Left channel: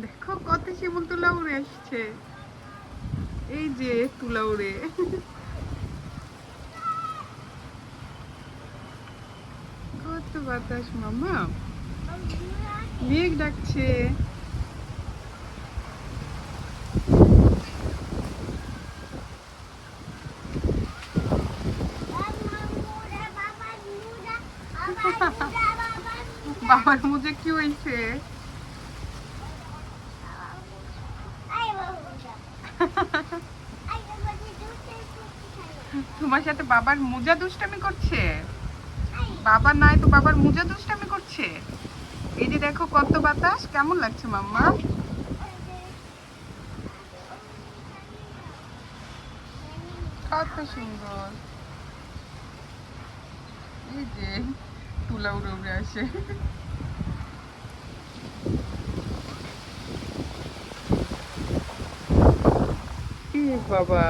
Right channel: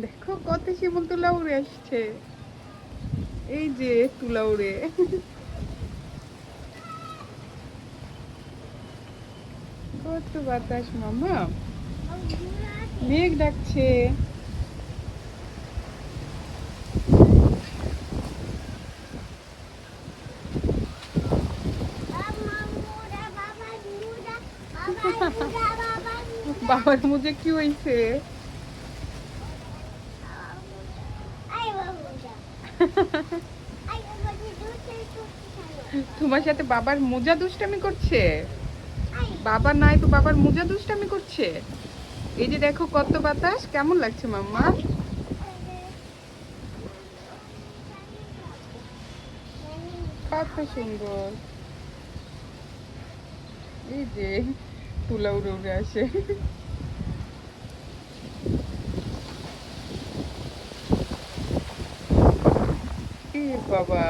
দেখো কত শিমুল তুলা উড়ে আসছে। এই যে তুলা উড়ে কত বাতাস মামা, মেঘ ডাকছে। বাবার মুখে কি হয়েছে? তোমার সাথে বাবার মোজা দুষ্টামি করছে? বাবা নাই তো বাবার মোজা দুষ্টামি করছে। এই যে দেখো কত বাতাস, কেমন লাগছে মাম্মা? কত সুন্দর। এই যে তুলা উড়ে উড়ে আসে। বাবা